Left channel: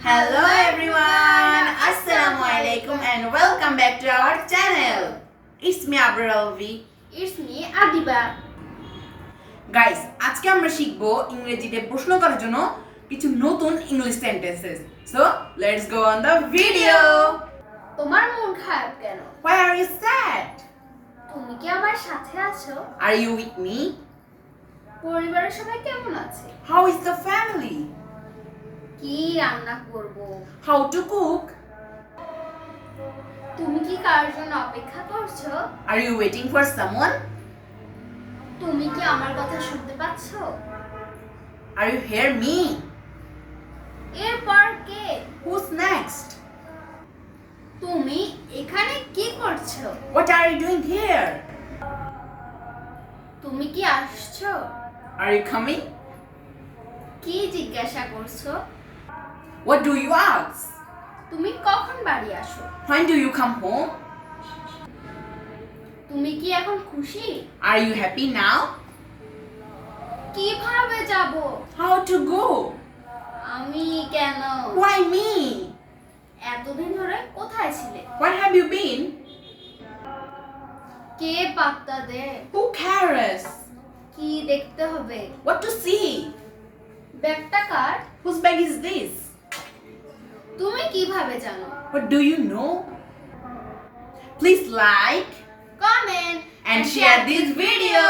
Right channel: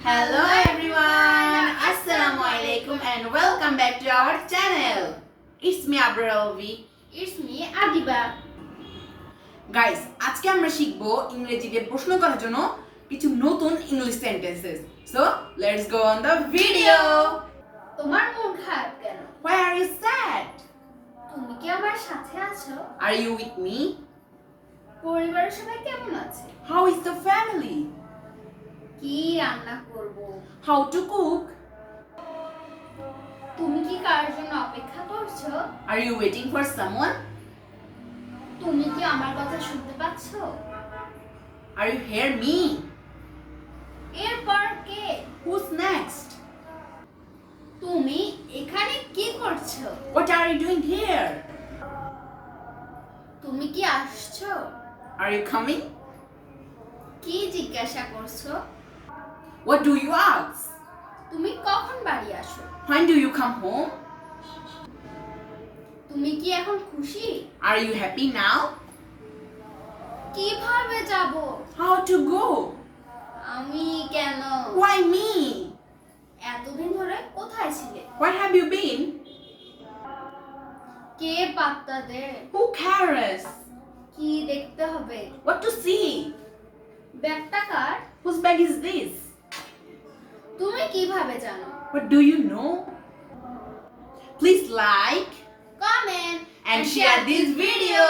Hello everyone, Assalamu alaikum and welcome back to our channel. It's me Abrar Alvi. It's me Adiba. Guys, আজকে আমরা শিখব ইংরেজিতে প্রশ্ন করার জন্য কিছু নতুন English sentences. So, let's go on the video. তোমার মন খারাপ কেন? Why are you sad? তুমি কি আমার সাথে আছো? Are you with me? পরিবারের সবাই কেমন আছে? How is the family? কি রান্না করব? How to cook? তুমি কি কার জন্য অপেক্ষা করছো? Are you waiting for someone? তুমি কি আমার কথা শুনতে পাচ্ছো? Are you hear me? এরপর কে? Who's next? তুমি এখানে কি করছো? What are you doing here? তুমি কি আসছো? Are you coming? কি জিজ্ঞাসা করছো? What do you ask? তুমি কখন বাড়ি আসো? When do you come home? তুমি কি এখন খুশি? Are you happy now? কিভাবে যাব? How to go? আমি কেন? Why me? এতদিন ধরে কোথায় ছিলে? Where have you been? কে পাত্তা দেয়? Who cares? কি দেখতে হবে? What to see? ব্যাগটা কার? Whose bag is this? তুমি কিভাবে জানো? What do you know? Please like comment and share this video.